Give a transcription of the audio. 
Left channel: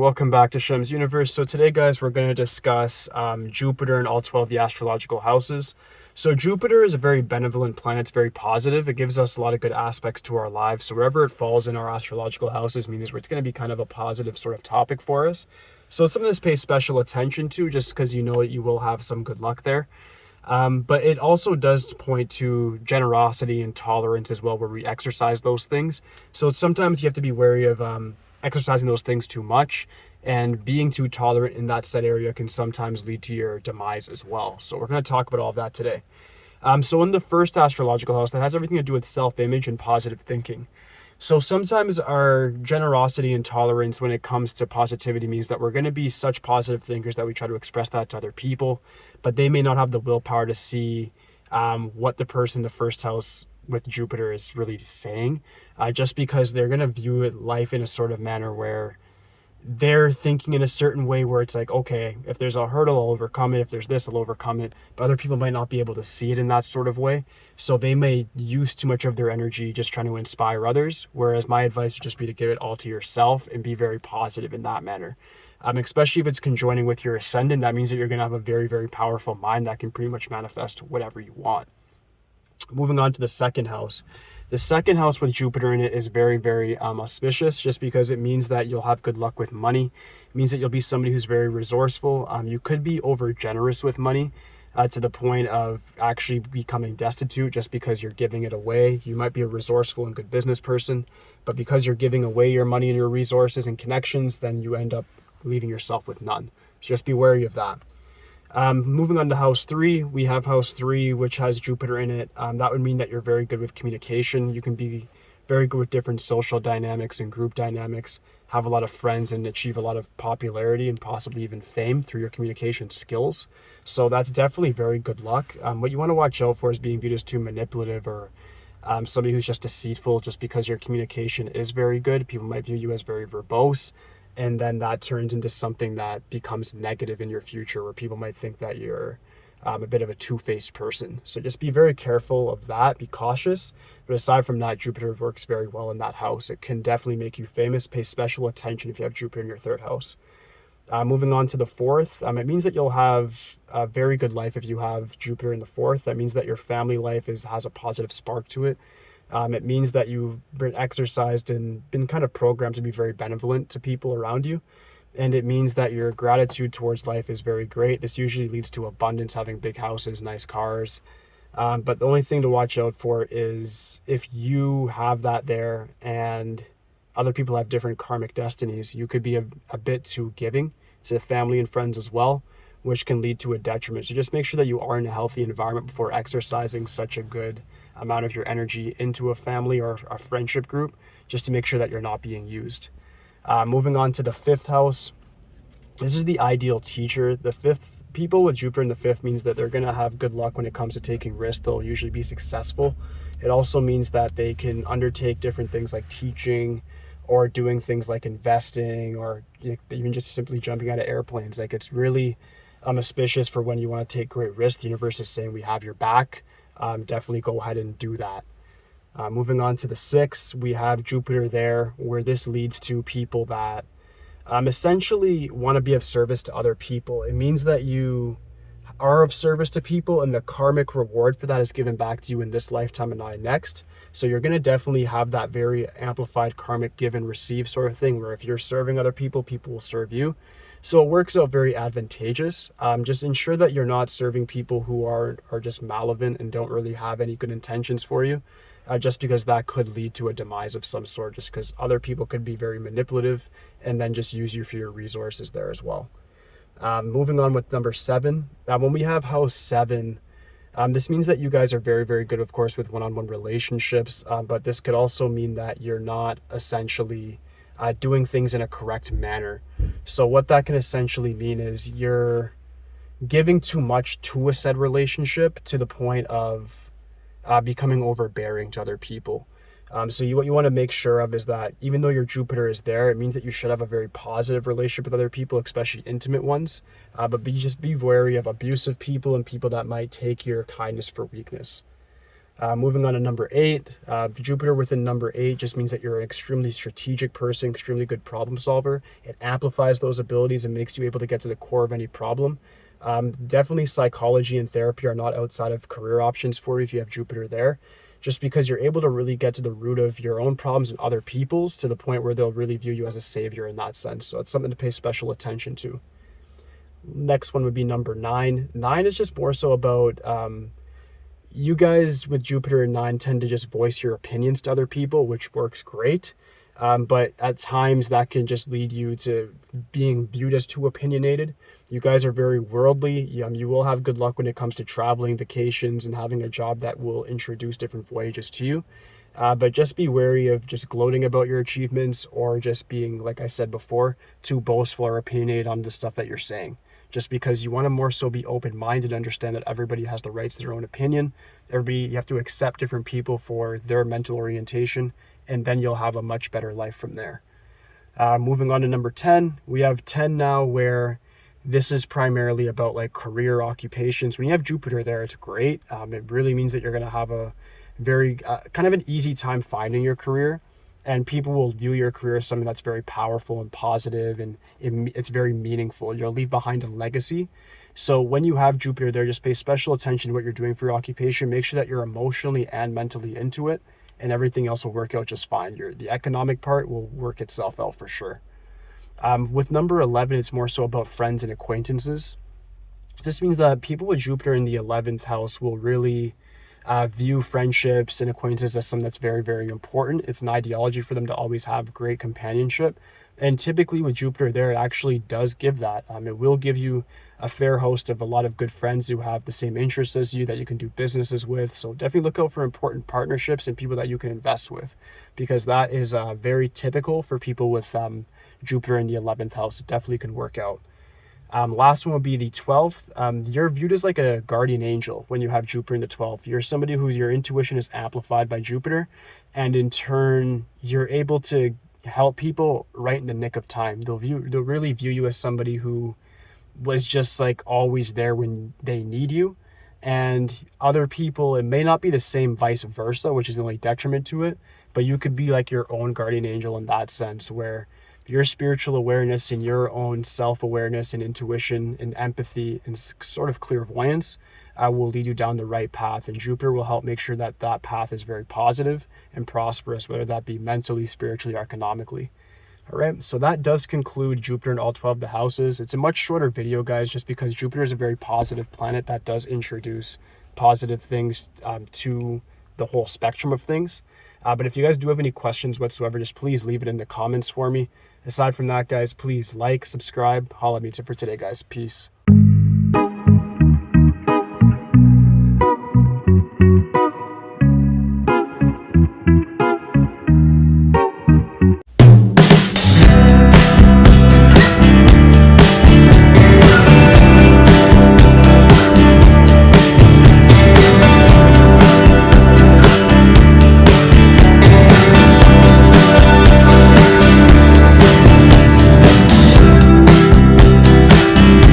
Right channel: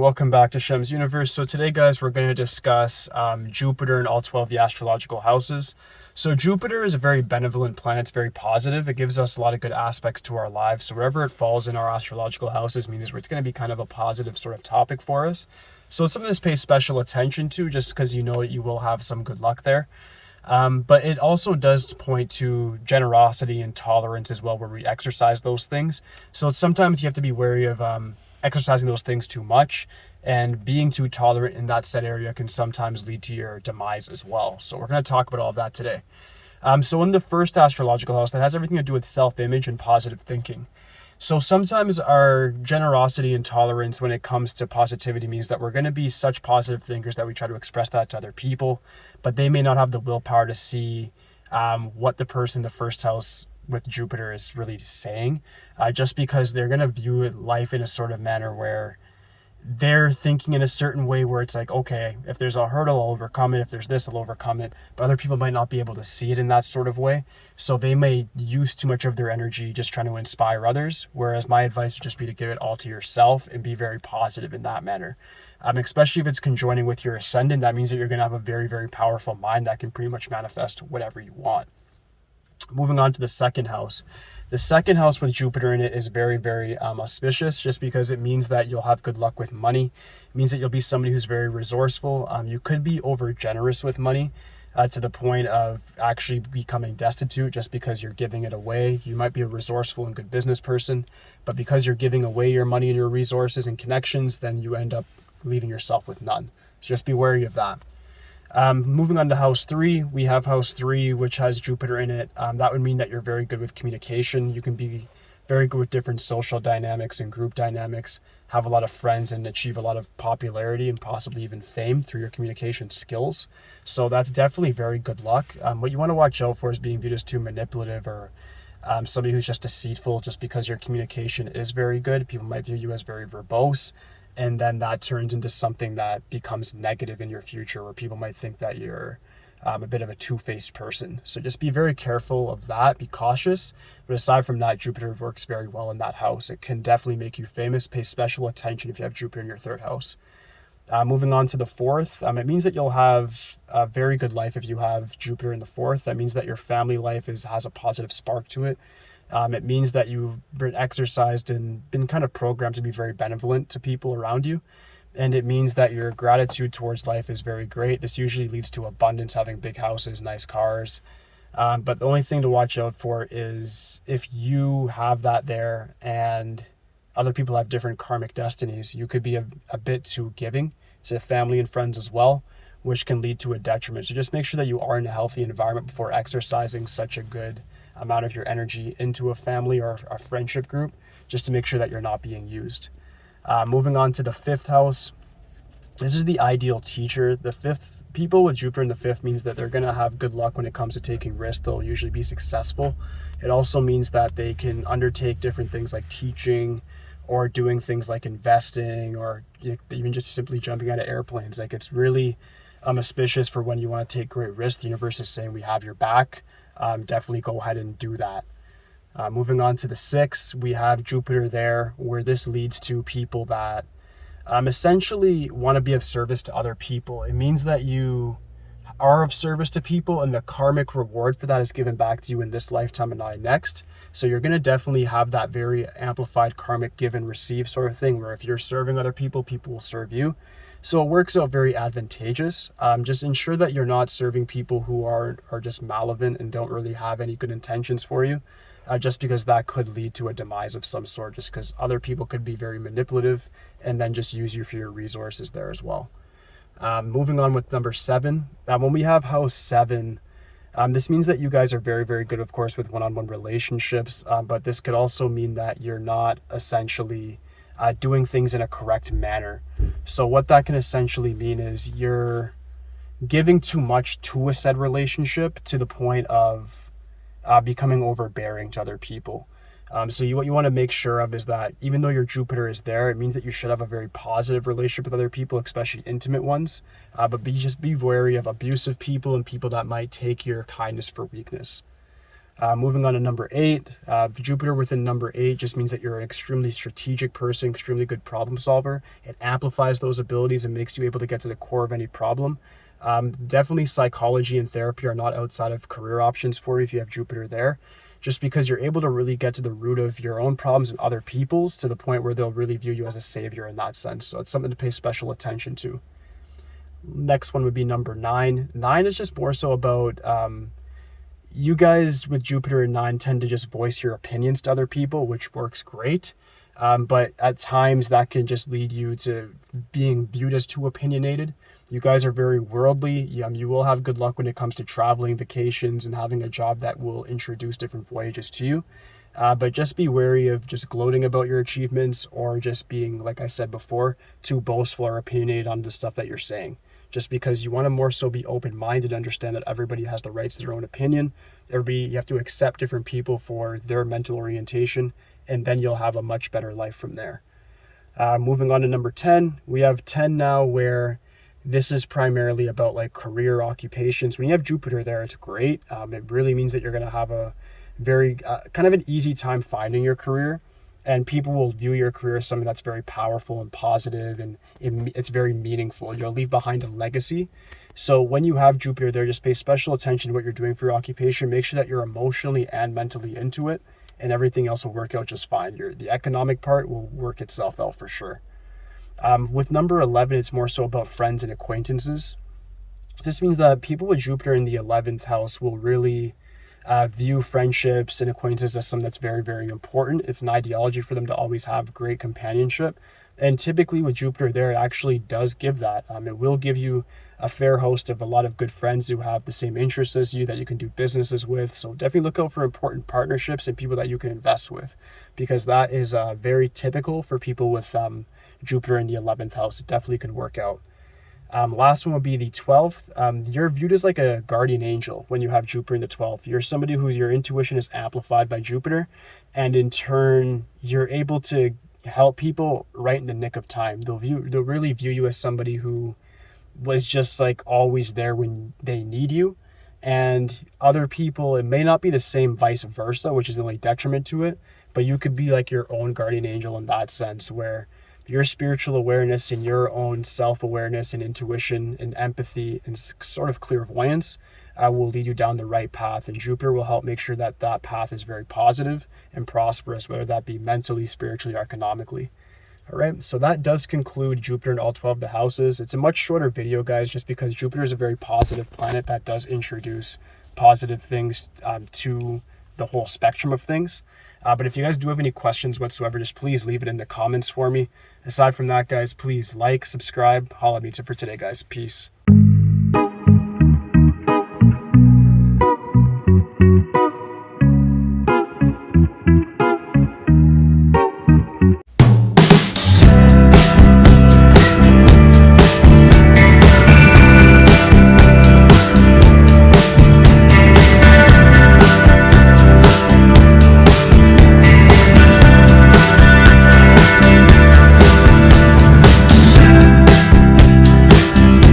welcome back to Shemsuniverse. So today, guys, we're going to discuss Jupiter and all 12 of the astrological houses. So Jupiter is a very benevolent planet. It's very positive. It gives us a lot of good aspects to our lives. So wherever it falls in our astrological houses means it's going to be kind of a positive sort of topic for us. So it's something to pay special attention to just because you know that you will have some good luck there. But it also does point to generosity and tolerance as well, where we exercise those things. So sometimes you have to be wary of exercising those things too much, and being too tolerant in that set area can sometimes lead to your demise as well. So we're going to talk about all of that today. So in the first astrological house, that has everything to do with self-image and positive thinking. So sometimes our generosity and tolerance when it comes to positivity means that we're going to be such positive thinkers that we try to express that to other people, but they may not have the willpower to see what the person in the first house with Jupiter is really saying, just because they're going to view life in a sort of manner where they're thinking in a certain way where it's like, okay, if there's a hurdle, I'll overcome it. If there's this, I'll overcome it. But other people might not be able to see it in that sort of way. So they may use too much of their energy just trying to inspire others. Whereas my advice would just be to give it all to yourself and be very positive in that manner. Especially if it's conjoining with your ascendant, that means that you're going to have a very, very powerful mind that can pretty much manifest whatever you want. Moving on to the second house. The second house with Jupiter in it is very, very auspicious, just because it means that you'll have good luck with money. It means that you'll be somebody who's very resourceful. You could be over generous with money to the point of actually becoming destitute just because you're giving it away. You might be a resourceful and good business person, but because you're giving away your money and your resources and connections, then you end up leaving yourself with none. So just be wary of that. Moving on to house 3, we have house 3, which has Jupiter in it. That would mean that you're very good with communication. You can be very good with different social dynamics and group dynamics, have a lot of friends, and achieve a lot of popularity and possibly even fame through your communication skills. So that's definitely very good luck. What you want to watch out for is being viewed as too manipulative or somebody who's just deceitful just because your communication is very good. People might view you as very verbose, and then that turns into something that becomes negative in your future, where people might think that you're a bit of a two-faced person. So just be very careful of that, be cautious. But aside from that, Jupiter works very well in that house. It can definitely make you famous. Pay special attention if you have Jupiter in your third house. Moving on to the fourth, it means that you'll have a very good life if you have Jupiter in the fourth. That means that your family life has a positive spark to it. It means that you've been exercised and been kind of programmed to be very benevolent to people around you. And it means that your gratitude towards life is very great. This usually leads to abundance, having big houses, nice cars. But the only thing to watch out for is if you have that there and other people have different karmic destinies, you could be a bit too giving to family and friends as well, which can lead to a detriment. So just make sure that you are in a healthy environment before exercising such a good amount of your energy into a family or a friendship group, just to make sure that you're not being used. Moving on to the fifth house. This is the ideal teacher. The fifth, people with Jupiter in the fifth means that they're going to have good luck when it comes to taking risks. They'll usually be successful. It also means that they can undertake different things like teaching or doing things like investing, or even just simply jumping out of airplanes. Like, it's really auspicious for when you want to take great risks. The universe is saying we have your back. Definitely go ahead and do that. Moving on to the sixth, we have Jupiter there, where this leads to people that essentially want to be of service to other people. It means that you are of service to people, and the karmic reward for that is given back to you in this lifetime and not next. So you're going to definitely have that very amplified karmic give and receive sort of thing, where if you're serving other people, people will serve you. So it works out very advantageous. Just ensure that you're not serving people who are just malevolent and don't really have any good intentions for you, just because that could lead to a demise of some sort, just because other people could be very manipulative and then just use you for your resources there as well. Moving on with number 7, when we have house 7, this means that you guys are very, very good, of course, with one-on-one relationships, but this could also mean that you're not essentially doing things in a correct manner. So what that can essentially mean is you're giving too much to a said relationship to the point of becoming overbearing to other people. So what you want to make sure of is that even though your Jupiter is there, it means that you should have a very positive relationship with other people, especially intimate ones. But just be wary of abusive people and people that might take your kindness for weakness. Moving on to number 8, Jupiter within number 8 just means that you're an extremely strategic person, extremely good problem solver. It amplifies those abilities and makes you able to get to the core of any problem. Definitely psychology and therapy are not outside of career options for you if you have Jupiter there, just because you're able to really get to the root of your own problems and other people's to the point where they'll really view you as a savior in that sense. So it's something to pay special attention to. Next one would be number 9. 9 is just more so about you guys with Jupiter and 9 tend to just voice your opinions to other people, which works great. But at times that can just lead you to being viewed as too opinionated. You guys are very worldly. You will have good luck when it comes to traveling, vacations, and having a job that will introduce different voyages to you. But just be wary of just gloating about your achievements or just being, like I said before, too boastful or opinionated on the stuff that you're saying. Just because you want to more so be open-minded, understand that everybody has the rights to their own opinion. You have to accept different people for their mental orientation, and then you'll have a much better life from there. Moving on to number 10, we have 10 now, where this is primarily about like career occupations. When you have Jupiter there, it's great. It really means that you're going to have a very kind of an easy time finding your career, and people will view your career as something that's very powerful and positive, and it's very meaningful. You'll leave behind a legacy. So when you have Jupiter there, just pay special attention to what you're doing for your occupation. Make sure that you're emotionally and mentally into it, and everything else will work out just fine. The economic part will work itself out for sure. With number 11, it's more so about friends and acquaintances. This means that people with Jupiter in the 11th house will really view friendships and acquaintances as something that's very, very important. It's an ideology for them to always have great companionship. And typically with Jupiter there, it actually does give that. It will give you a fair host of a lot of good friends who have the same interests as you that you can do businesses with. So definitely look out for important partnerships and people that you can invest with, because that is very typical for people with Jupiter in the 11th house. It definitely can work out. Last one would be the 12th. You're viewed as like a guardian angel when you have Jupiter in the 12th. You're somebody whose your intuition is amplified by Jupiter, and in turn, you're able to help people right in the nick of time. They'll really view you as somebody who was just like always there when they need you. And other people, it may not be the same vice versa, which is the only detriment to it, but you could be like your own guardian angel in that sense, where your spiritual awareness and your own self-awareness and intuition and empathy and sort of clairvoyance will lead you down the right path. And Jupiter will help make sure that that path is very positive and prosperous, whether that be mentally, spiritually, or economically. All right, so that does conclude Jupiter in all 12 of the houses. It's a much shorter video, guys, just because Jupiter is a very positive planet that does introduce positive things to the whole spectrum of things. But if you guys do have any questions whatsoever, just please leave it in the comments for me. Aside from that, guys, please like, subscribe. Holla at me. That's it for today, guys. Peace.